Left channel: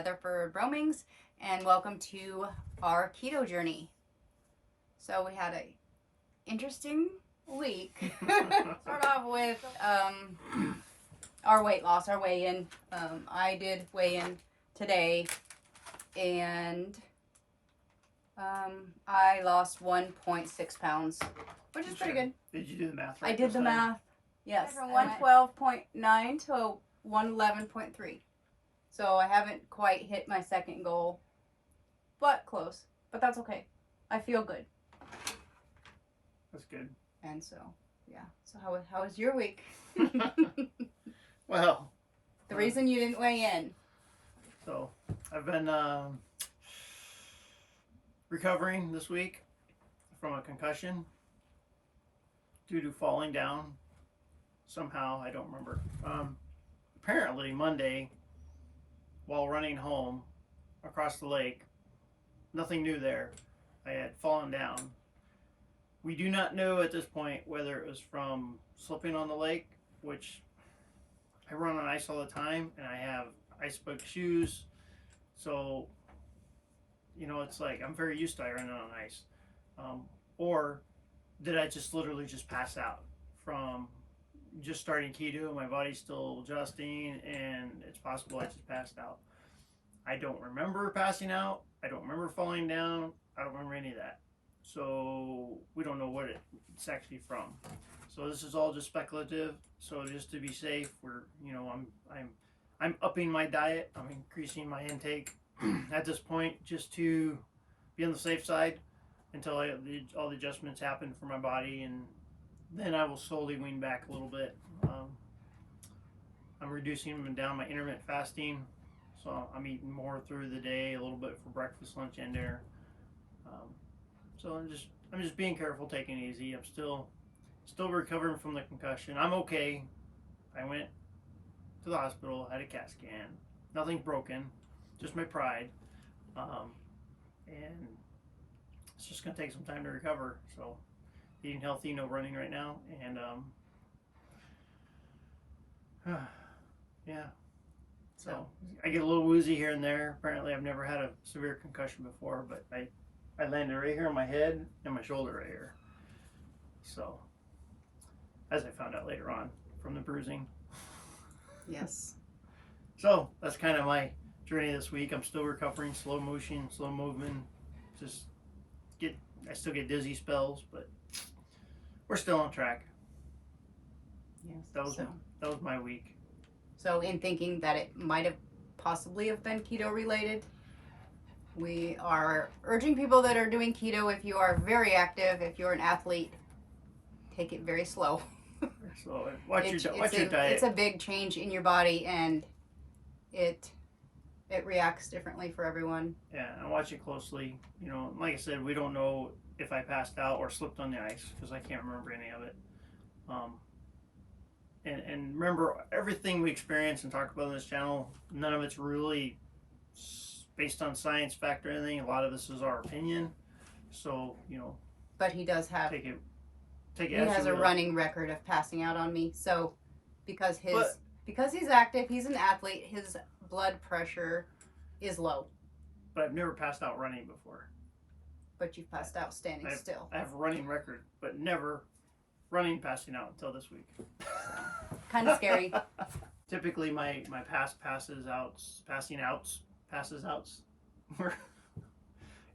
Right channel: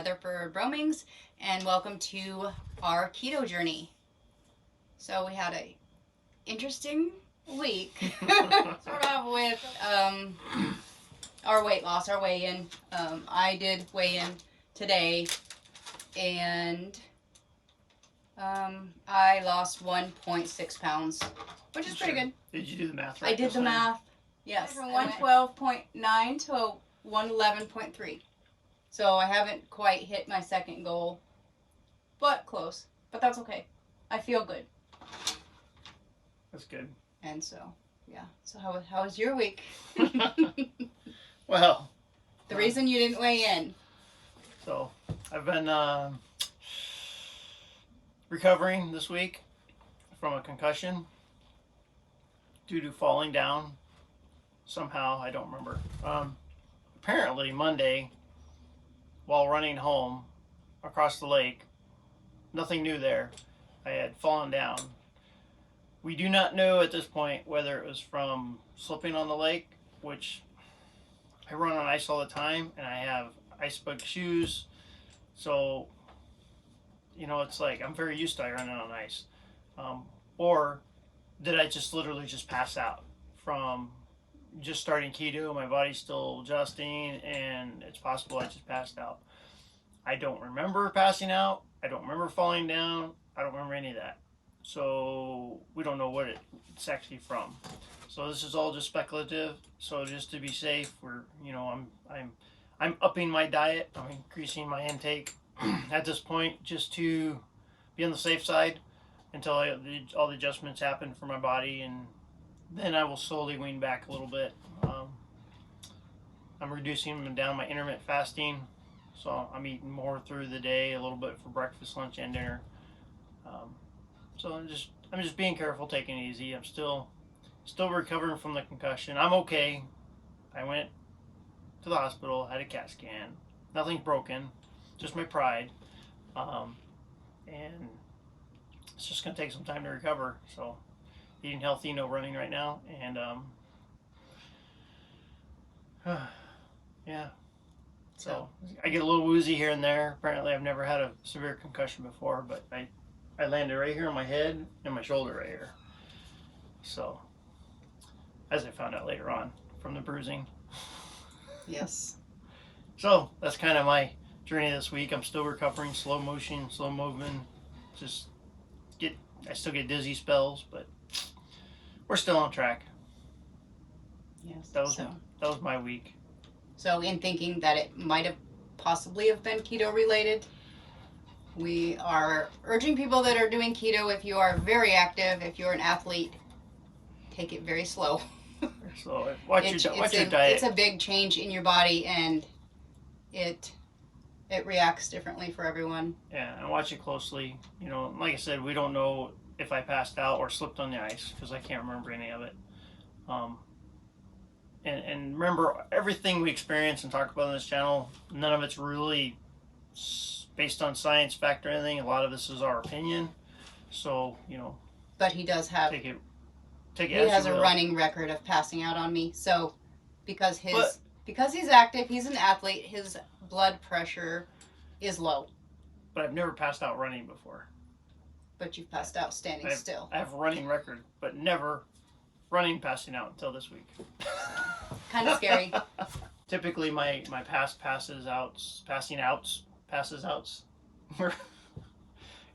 Rutherford Romings, and welcome to our keto journey. So we had a interesting week. Start off with our weight loss, our weigh-in. I did weigh-in today, and I lost 1.6 pounds, which is pretty good. Did you do the math right? I did the math. Yes, from 112.9 to 111.3. So I haven't quite hit my second goal, but close. But that's okay. I feel good. That's good. And so, yeah. So how was your week? Well, the reason you didn't weigh in. So I've been recovering this week from a concussion due to falling down. Somehow, I don't remember. Apparently Monday, while running home across the lake, nothing new there, I had fallen down. We do not know at this point whether it was from slipping on the lake, which I run on ice all the time, and I have ice bug shoes, so it's like I'm very used to running on ice. Or did I just literally just pass out from just starting keto? My body's still adjusting, and it's possible I just passed out. I don't remember passing out. I don't remember falling down. I don't remember any of that. So we don't know what it's actually from. So this is all just speculative. So just to be safe, I'm upping my diet. I'm increasing my intake at this point just to be on the safe side until all the adjustments happen for my body, and then I will slowly wean back a little bit. I'm reducing down my intermittent fasting, so I'm eating more through the day, a little bit for breakfast, lunch, and dinner. So I'm just being careful, taking it easy. I'm still recovering from the concussion. I'm okay. I went to the hospital, had a CAT scan. Nothing's broken, just my pride. And it's just gonna take some time to recover. So eating healthy, no running right now, and yeah. So I get a little woozy here and there. Apparently, I've never had a severe concussion before, but I landed right here on my head and my shoulder right here. So, as I found out later on from the bruising. Yes. So that's kind of my journey this week. I'm still recovering, slow motion, slow movement. I still get dizzy spells, but we're still on track. Yes. That was my week. So in thinking that it might have possibly have been keto related, we are urging people that are doing keto, if you are very active, if you're an athlete, take it very slow. So watch your diet. It's a big change in your body, and it reacts differently for everyone. Yeah, and watch it closely. Like I said, we don't know if I passed out or slipped on the ice because I can't remember any of it. And remember, everything we experience and talk about on this channel, none of it's really based on science, fact, or anything. A lot of this is our opinion. So But he does have. Take it. He has a running record of passing out on me. So because he's active, he's an athlete, his blood pressure is low. But I've never passed out running before. But you've passed out standing still. I have a running record, but never passing out until this week. Kind of scary. Typically, my passing outs were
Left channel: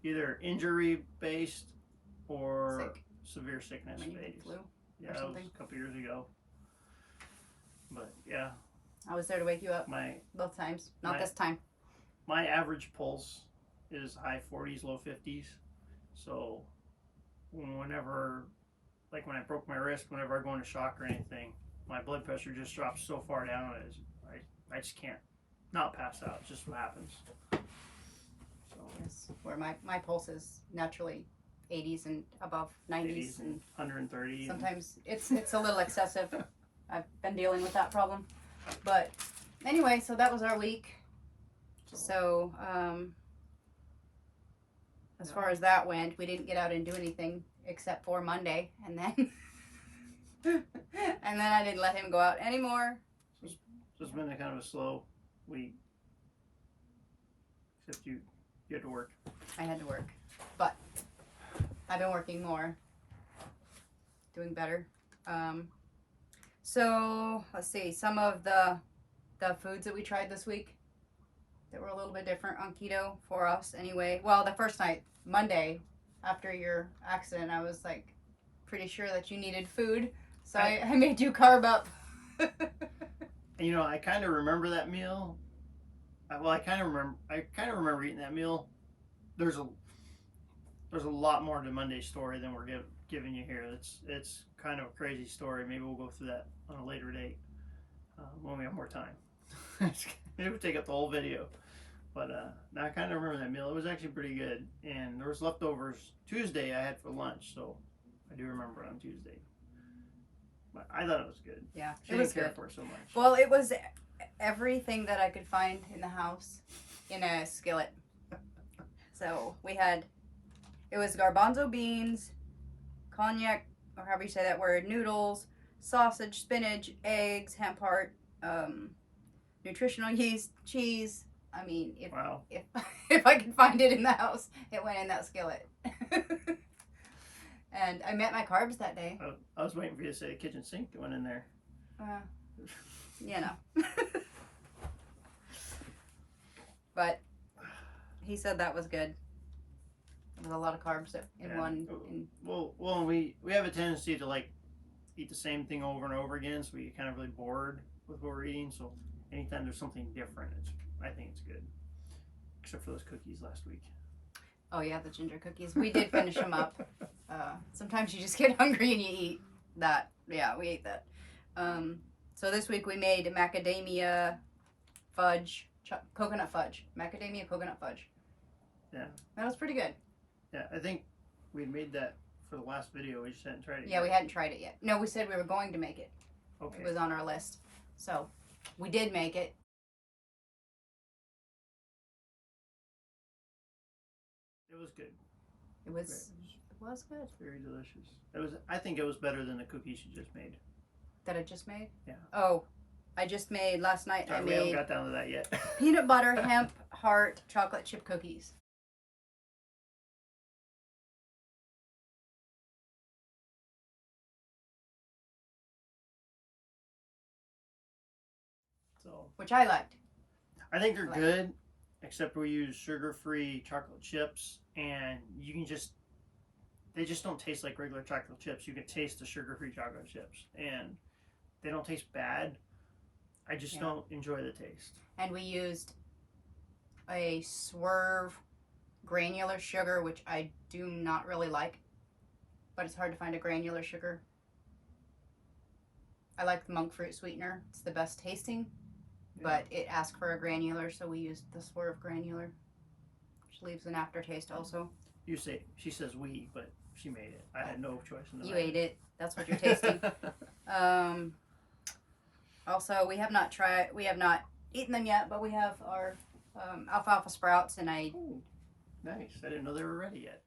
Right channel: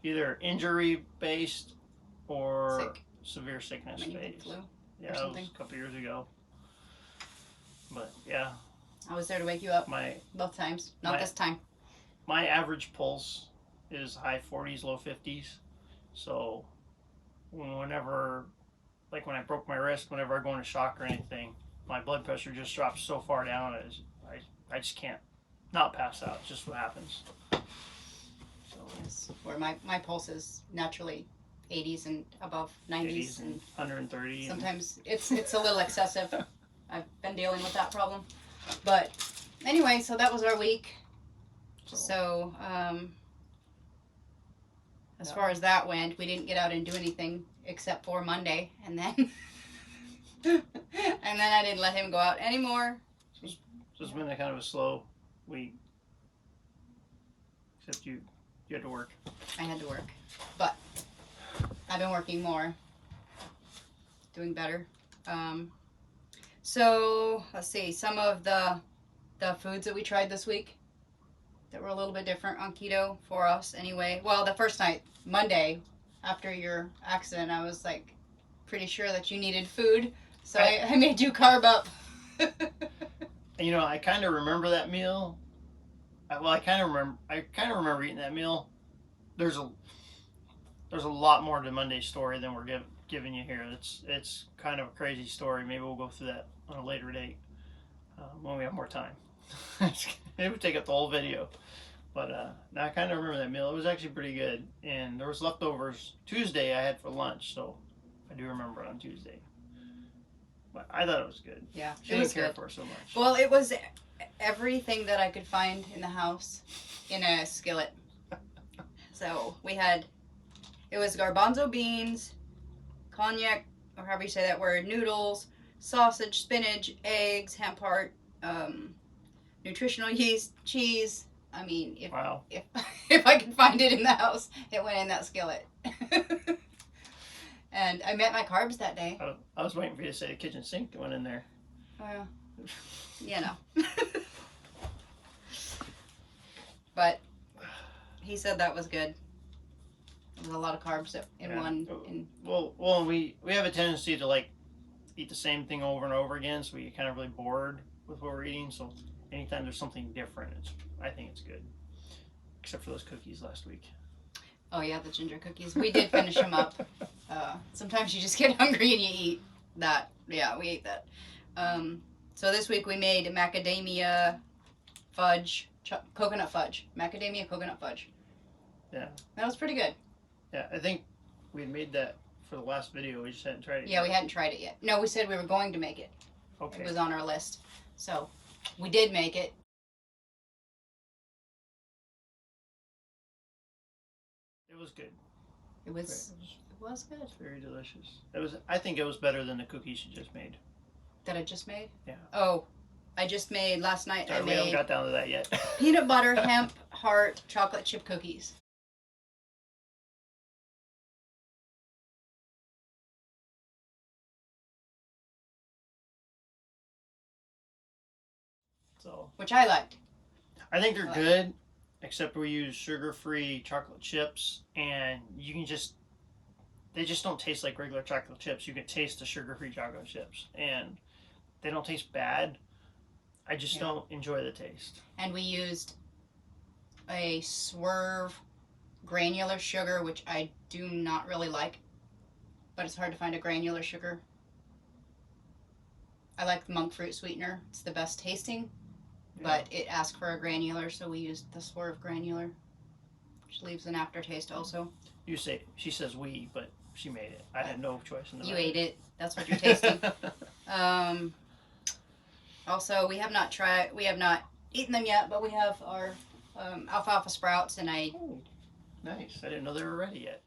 either injury based or severe sickness based. Flu. Yeah, that was a couple years ago. But yeah, I was there to wake you up. Both times, not this time. My average pulse is high 40s, low 50s. So whenever, like when I broke my wrist, whenever I go into shock or anything, my blood pressure just drops so far down as I just can't not pass out. It's just what happens. So yes, where my pulse is naturally 80s and above, 90s and 130. Sometimes it's a little excessive. I've been dealing with that problem. But anyway, so that was our week. So as far as that went, we didn't get out and do anything except for Monday, and then I didn't let him go out anymore. So it's been a kind of a slow week. Except you had to work. I had to work, but I've been working more, doing better. So let's see, some of the foods that we tried this week that were a little bit different on keto for us anyway. Well, the first night, Monday, after your accident, I was like pretty sure that you needed food, so I made you carb up. You know, I kind of remember that meal. I kind of remember eating that meal. There's a lot more to Monday's story than we're giving you here. It's kind of a crazy story. Maybe we'll go through that on a later date when we have more time. It would take up the whole video. But now I kind of remember that meal. It was actually pretty good, and there was leftovers Tuesday I had for lunch, so I do remember it on Tuesday. But I thought it was good. Yeah, She didn't care for it so much. Well, it was everything that I could find in the house in a skillet. So it was garbanzo beans, cognac, or however you say that word, noodles, sausage, spinach, eggs, hemp heart, nutritional yeast, cheese. I mean, if I could find it in the house, it went in that skillet. And I met my carbs that day. I was waiting for you to say the kitchen sink went in there. You know. But he said that was good. There was a lot of carbs in one. Well, we have a tendency to like eat the same thing over and over again, so we get kind of really bored with what we're eating. So anytime there's something different, I think it's good. Except for those cookies last week. Oh yeah, the ginger cookies. We did finish them up. Sometimes you just get hungry and you eat that. Yeah, we ate that. So this week we made macadamia fudge, coconut fudge. Macadamia coconut fudge. Yeah. That was pretty good. Yeah, I think we had made that for the last video. We just hadn't tried it yet. Yeah, we hadn't tried it yet. No, we said we were going to make it. Okay. It was on our list. So we did make it. It was good. It was good. Very delicious. I think it was better than the cookies you just made. That I just made? Yeah. Oh, I just made last night. Sorry, we haven't got down to that yet. Peanut butter, hemp, heart, chocolate chip cookies. So, which I liked. I think they're good, except we use sugar-free chocolate chips, and they just don't taste like regular chocolate chips. You can taste the sugar-free chocolate chips, and they don't taste bad. I just don't enjoy the taste. And we used a Swerve granular sugar, which I do not really like, but it's hard to find a granular sugar. I like the monk fruit sweetener. It's the best tasting, but it asked for a granular, so we used the Swerve granular, which leaves an aftertaste also. She says we, but she made it. I had no choice in the matter. You ate it. That's what you're tasting. Also, we have not eaten them yet, but we have our alfalfa sprouts, and Oh, nice. I didn't know they were ready yet.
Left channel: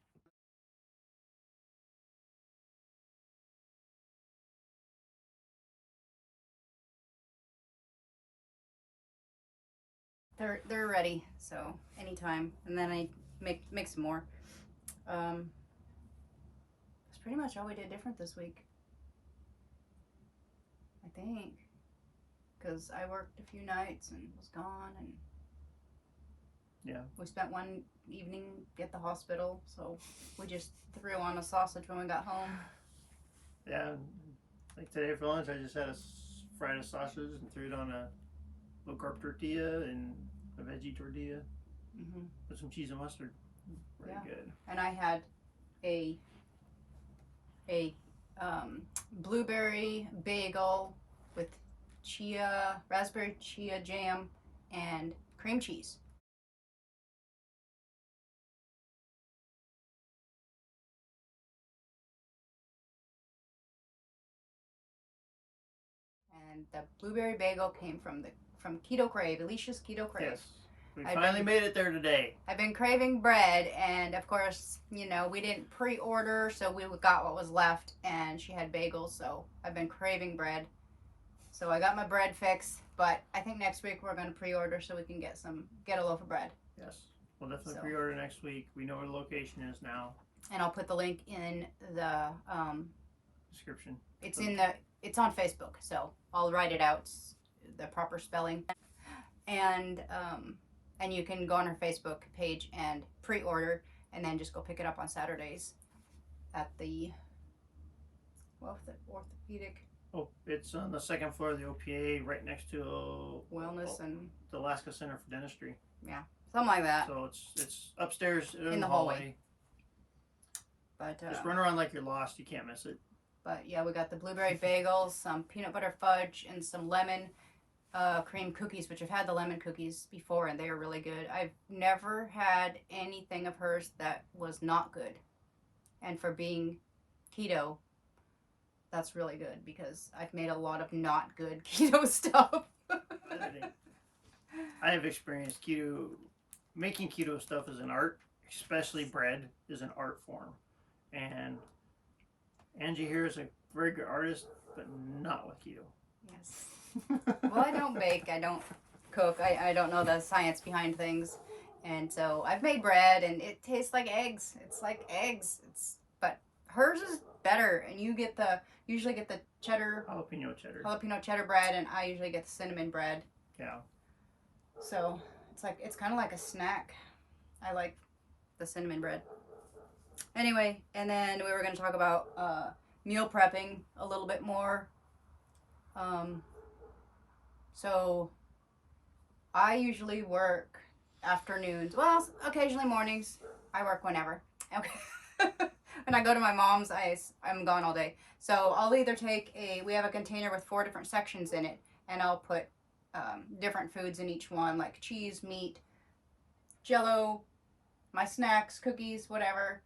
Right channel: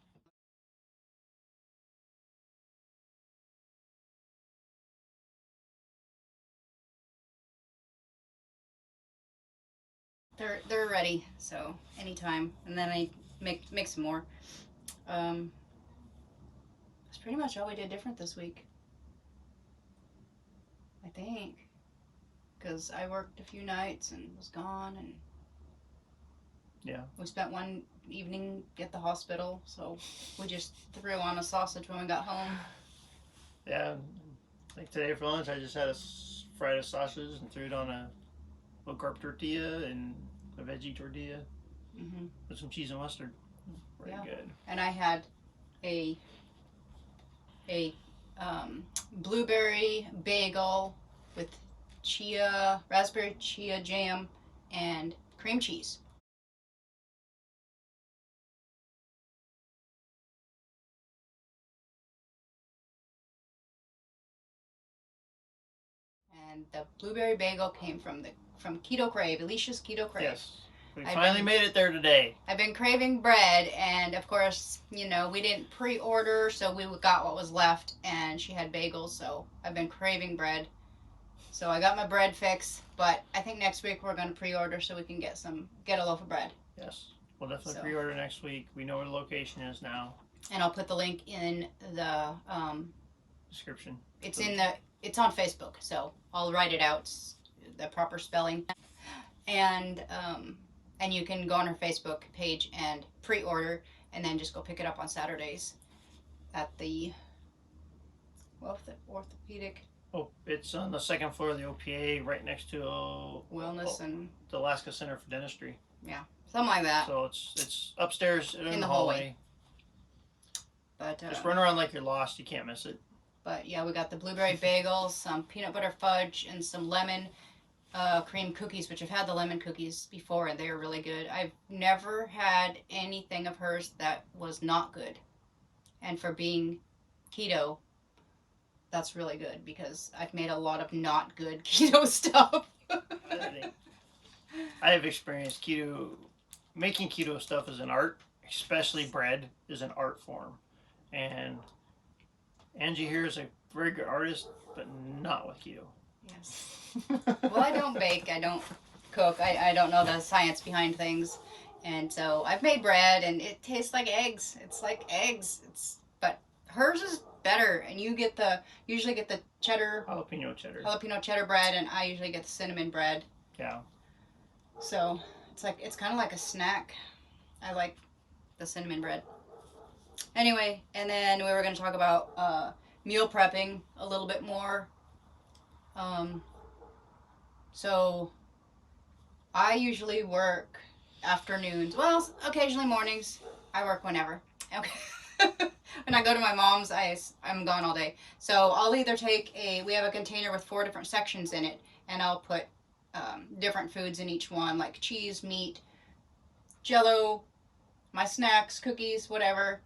They're ready, so anytime. And then I make some more. That's pretty much all we did different this week, I think, because I worked a few nights and was gone, and we spent one evening at the hospital, so we just threw on a sausage when we got home. Yeah, like today for lunch, I just had fried a sausage and threw it on a low carb tortilla and a veggie tortilla with some cheese and mustard. Very good. And I had a blueberry bagel with raspberry chia jam and cream cheese. And the blueberry bagel came from Keto Crave, Alicia's Keto Crave. Yes. We finally made it there today. I've been craving bread, and of course, we didn't pre-order, so we got what was left, and she had bagels, so I've been craving bread. So I got my bread fix, but I think next week we're going to pre-order so we can get a loaf of bread. Yes. We'll definitely So. pre-order next week. We know where the location is now. And I'll put the link in the Description. It's on Facebook, so I'll write it out, the proper spelling, and you can go on her Facebook page and pre-order, and then just go pick it up on Saturdays at the orthopedic Oh, it's on the second floor of the OPA, right next to wellness and the Alaska Center for Dentistry. something like that. So it's upstairs in the hallway. But just run around like you're lost. You can't miss it. But yeah, we got the blueberry bagels, some peanut butter fudge, and some lemon cream cookies, which I've had the lemon cookies before, and they are really good. I've never had anything of hers that was not good. And for being keto, that's really good, because I've made a lot of not good keto stuff. I have experienced keto. Making keto stuff is an art, especially bread is an art form. And Angie here is a very good artist, but not with keto. Yes. Well, I don't bake. I don't cook. I don't know the science behind things. And so I've made bread, and it tastes like eggs. It's like eggs. But hers is better, and you usually get the jalapeno cheddar bread, and I usually get the cinnamon bread. Yeah. So it's kind of like a snack. I like the cinnamon bread. Anyway, and then we were going to talk about meal prepping a little bit more. So I usually work afternoons. Well, occasionally mornings. I work whenever. Okay. When I go to my mom's, I'm gone all day. So I'll either we have a container with 4 different sections in it, and I'll put different foods in each one, like cheese, meat, Jell-O, my snacks, cookies, whatever.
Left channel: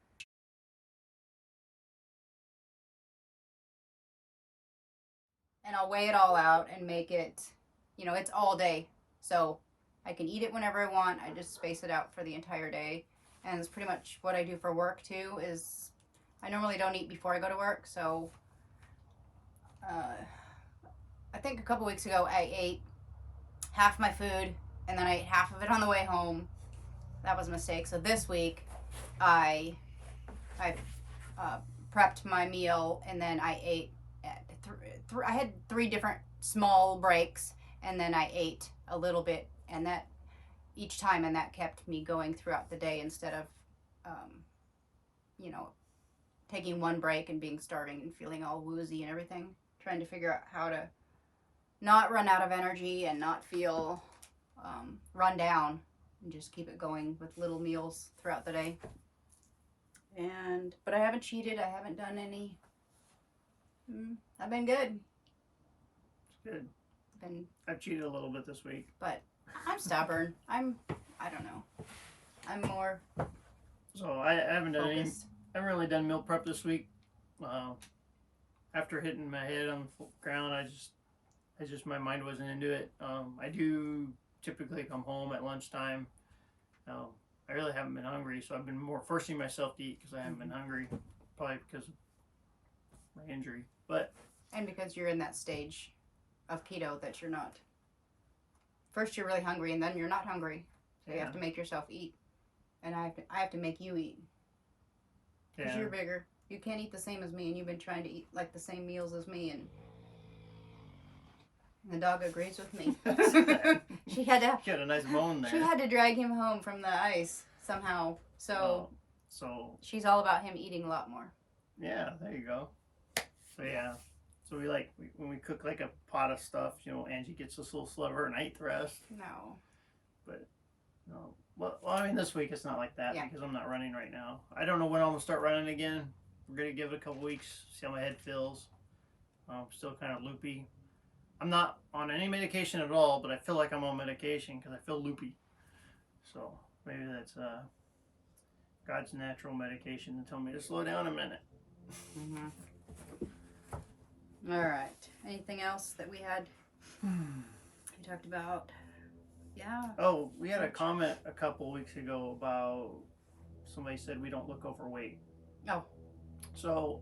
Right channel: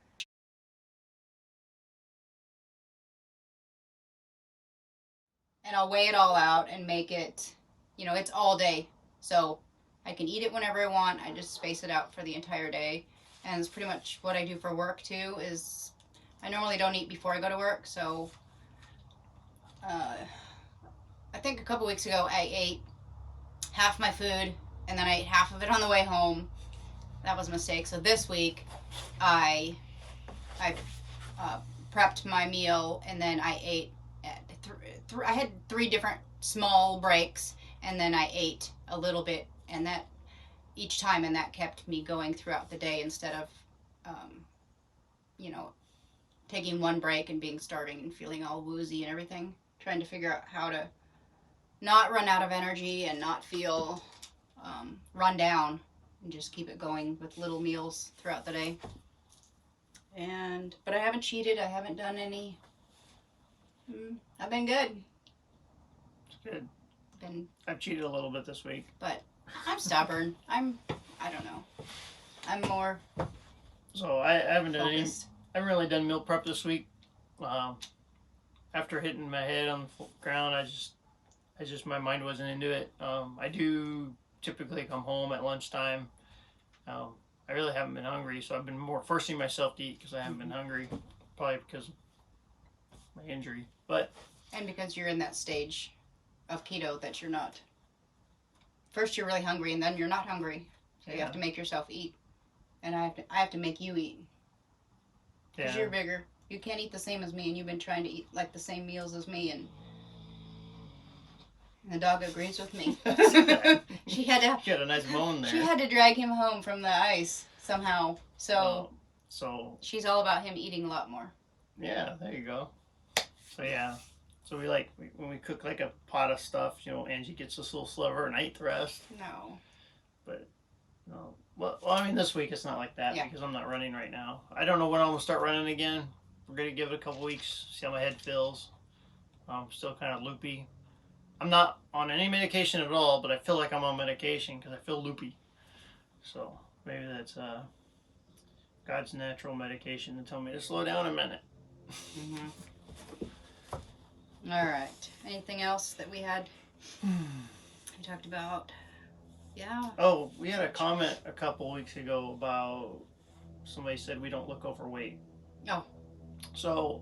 And I'll weigh it all out and make it, it's all day. So I can eat it whenever I want. I just space it out for the entire day. And it's pretty much what I do for work too, is I normally don't eat before I go to work. So I think a couple weeks ago I ate half my food, and then I ate half of it on the way home. That was a mistake. So this week I prepped my meal, and then I ate I had 3 different small breaks, and then I ate a little bit, and that each time, and that kept me going throughout the day, instead of taking one break and being starving and feeling all woozy and everything. Trying to figure out how to not run out of energy and not feel run down, and just keep it going with little meals throughout the day. But I haven't cheated. I haven't done any. I've been good. It's good. I've cheated a little bit this week. But I'm stubborn. I don't know. I'm more So I haven't done focused. I haven't really done meal prep this week. After hitting my head on the ground, I just my mind wasn't into it. I do typically come home at lunchtime. I really haven't been hungry, so I've been more forcing myself to eat because I haven't been hungry, probably because of my injury. And because you're in that stage of keto that you're not. First you're really hungry, and then you're not hungry. So you have to make yourself eat. And I have to make you eat. Because you're bigger. You can't eat the same as me, and you've been trying to eat like the same meals as me, and the dog agrees with me. She had a nice moan there. She had to drag him home from the ice somehow. So she's all about him eating a lot more. Yeah, there you go. So yeah. So when we cook like a pot of stuff, Angie gets this little sliver and I eat the rest. No. But no. Well, I mean, this week it's not like that because I'm not running right now. I don't know when I'm going to start running again. We're going to give it a couple weeks, see how my head feels. I'm still kind of loopy. I'm not on any medication at all, but I feel like I'm on medication because I feel loopy. So maybe that's God's natural medication to tell me to slow down a minute. Mm-hmm. All right. Anything else that we had? We talked about. Yeah. Oh, we had a comment a couple weeks ago about somebody said we don't look overweight. Oh. So,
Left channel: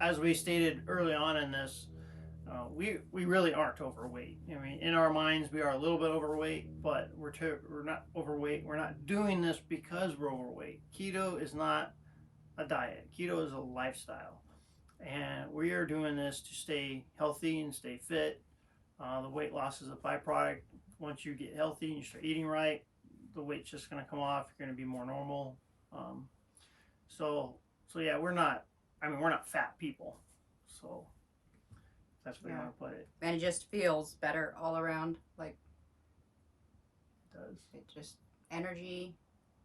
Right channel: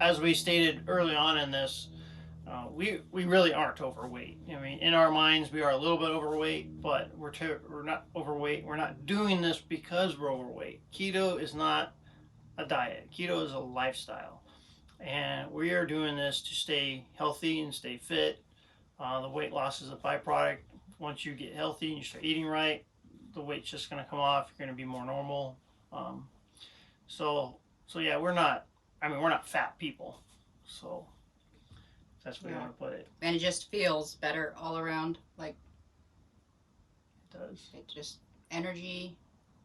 as we stated early on in this, we really aren't overweight. I mean, in our minds, we are a little bit overweight, but we're not overweight. We're not doing this because we're overweight. Keto is not a diet. Keto is a lifestyle, and we are doing this to stay healthy and stay fit. The weight loss is a byproduct. Once you get healthy and you start eating right, the weight's just going to come off. You're going to be more normal. Um, so yeah, we're not. I mean, we're not fat people. So that's where you want to put it. And it just feels better all around. Like It does. it just energy,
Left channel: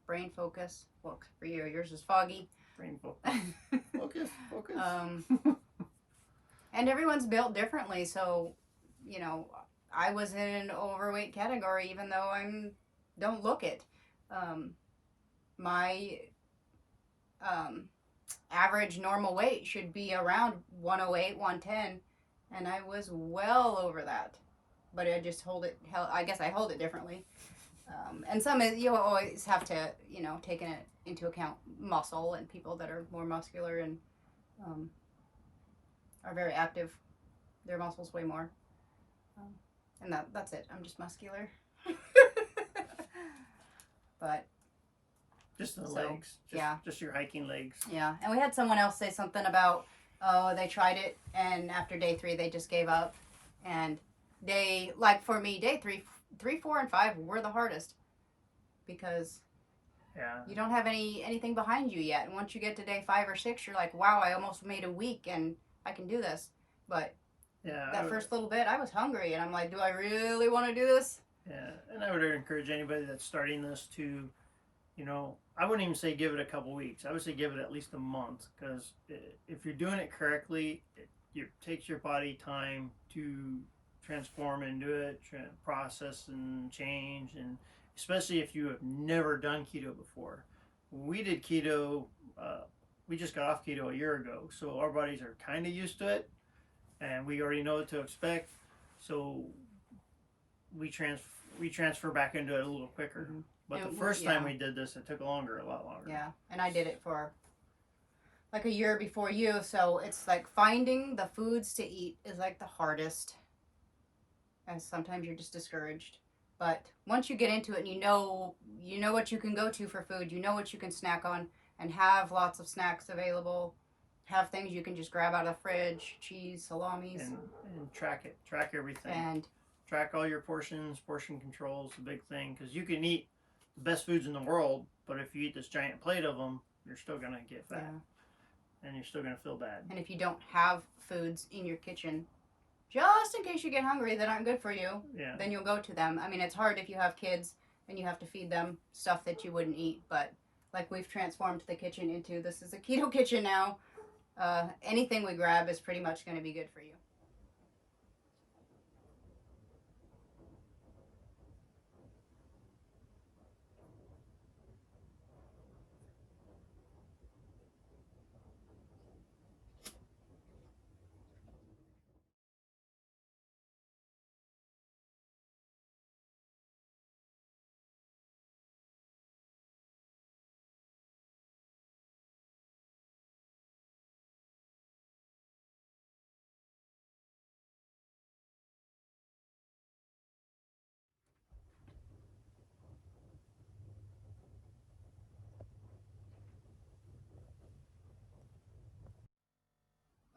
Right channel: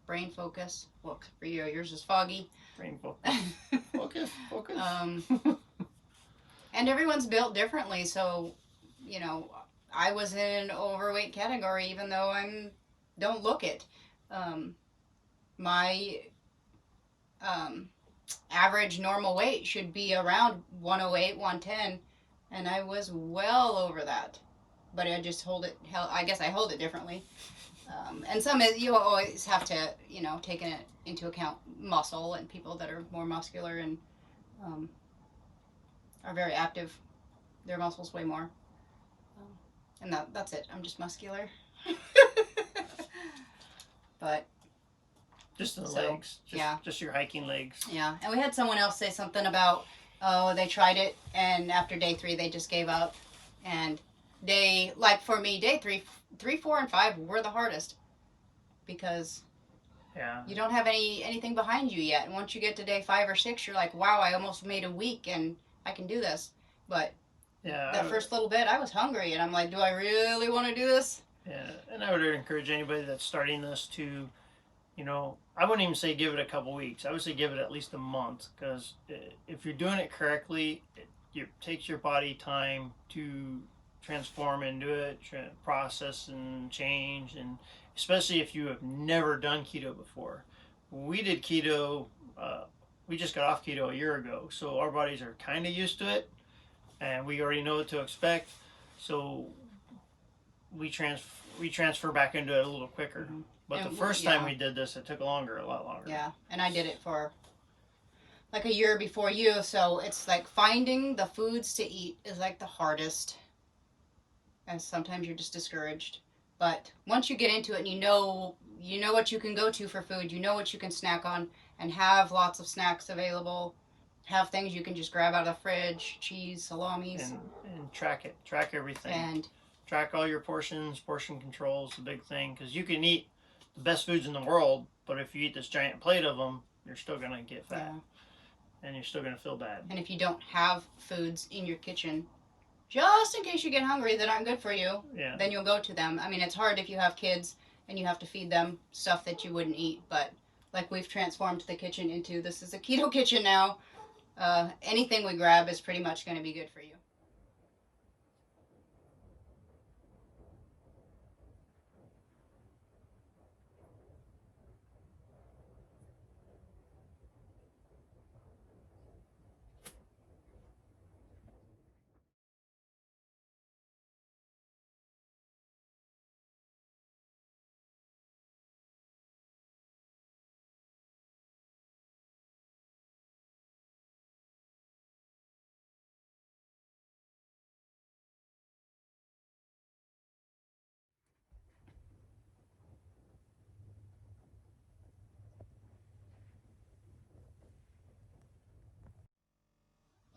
brain focus. Well, for you, yours is foggy. Brain focus. Focus. And everyone's built differently, so you know, I was in overweight category, even though don't look it. My average normal weight should be around 108, 110, and I was well over that. But I just I guess I hold it differently. And some you always have to, take into account muscle and people that are more muscular and are very active. Their muscles weigh more. And that's it. I'm just muscular. But just the legs. Just your hiking legs. Yeah. And we had someone else say something about, they tried it and after day 3 they just gave up. And for me, day 3, 4, and 5 were the hardest because you don't have anything behind you yet. And once you get to day 5 or 6, you're like, wow, I almost made a week and I can do this. But that first little bit, I was hungry and I'm like, do I really want to do this? Yeah, and I would encourage anybody that's starting this to, I wouldn't even say give it a couple weeks. I would say give it at least a month, because if you're doing it correctly, it takes your body time to transform into it, process and change, and especially if you have never done keto before. We did keto, we just got off keto a year ago, so our bodies are kind of used to it, and we already know what to expect, so we transfer back into it a little quicker. Mm-hmm. But the first time we did this, it took a lot longer. Yeah, and I did it for like a year before you, so it's like finding the foods to eat is like the hardest, and sometimes you're just discouraged. But once you get into it and you know what you can go to for food, you know what you can snack on, and have lots of snacks available, have things you can just grab out of the fridge, cheese, salamis. And track everything. And track all your portions. Portion control is the big thing, because you can eat the best foods in the world, but if you eat this giant plate of them, you're still going to get fat. Yeah. And you're still going to feel bad. And if you don't have foods in your kitchen, just in case you get hungry that aren't good for you, then you'll go to them. I mean, it's hard if you have kids and you have to feed them stuff that you wouldn't eat, but like we've transformed the kitchen into, this is a keto kitchen now. Anything we grab is pretty much going to be good for you.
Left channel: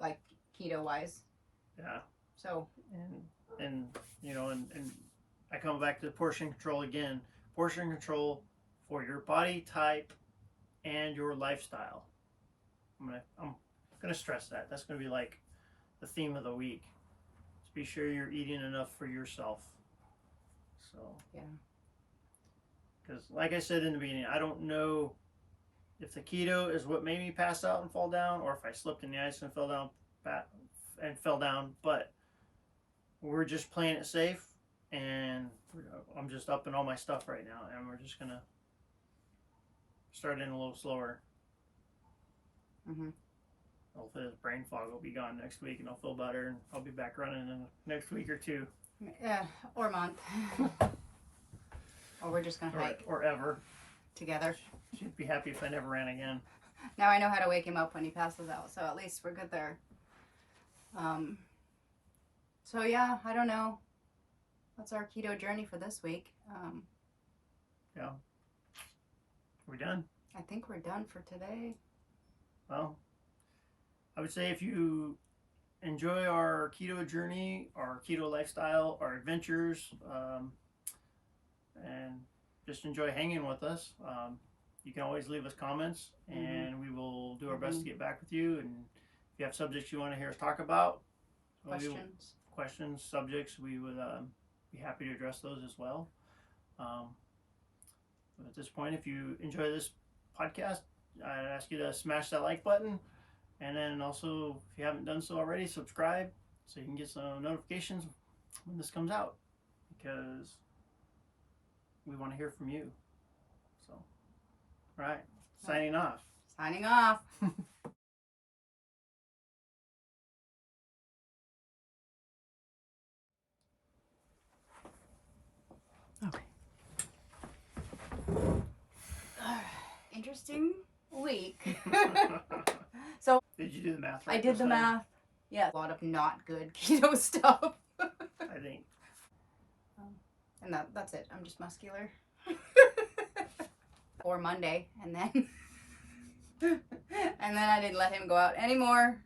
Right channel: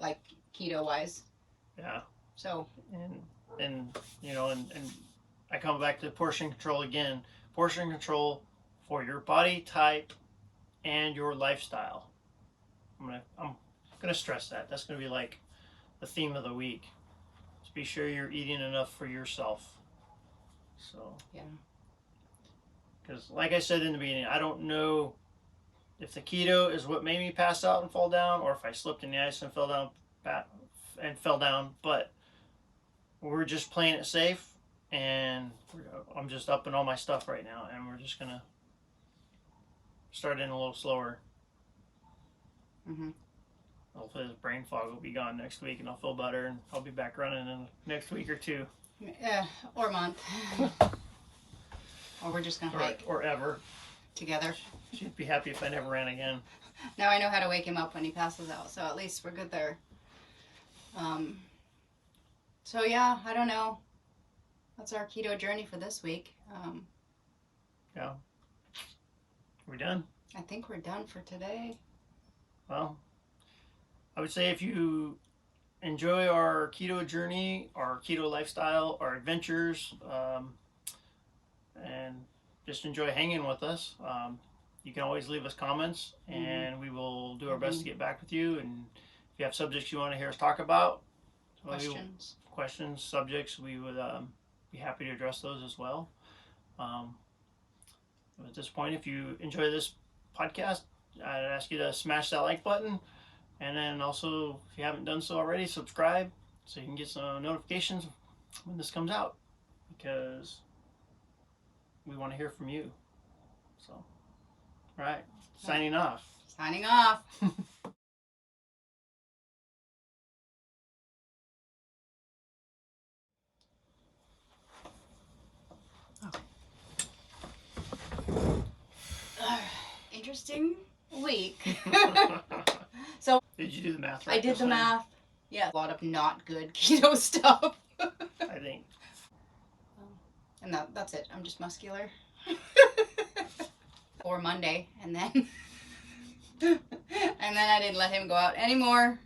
Like keto wise. Yeah. So and I come back to portion control again. Portion control for your body type and your lifestyle. I'm gonna stress that. That's gonna be like the theme of the week. Just be sure you're eating enough for yourself. So because like I said in the beginning, I don't know if the keto is what made me pass out and fall down, or if I slipped in the ice and fell down, but we're just playing it safe, and I'm just upping all my stuff right now, and we're just gonna start in a little slower. Mm-hmm. Hopefully this brain fog will be gone next week, and I'll feel better, and I'll be back running in the next week or two. Or month. Or we're just gonna hike. Or ever. Together. She'd be happy if I never ran again. Now I know how to wake him up when he passes out, so at least we're good there. So yeah, I don't know. That's our keto journey for this week. Yeah. We're done. I think we're done for today. Well, I would say if you enjoy our keto journey, our keto lifestyle, our adventures, and just enjoy hanging with us, you can always leave us comments, and we will do our best to get back with you. And if you have subjects you want to hear us talk about, questions, subjects, we would be happy to address those as well. At this point, if you enjoy this podcast, I'd ask you to smash that like button, and then also, if you haven't done so already, subscribe so you can get some notifications when this comes out, because we want to hear from you. So, all right, signing off. Signing off. Interesting week. So did you do the math right? I did the math. Yeah, a lot of not good keto stuff. I think. And that's it. I'm just muscular. Or Monday, and then I didn't let him go out anymore.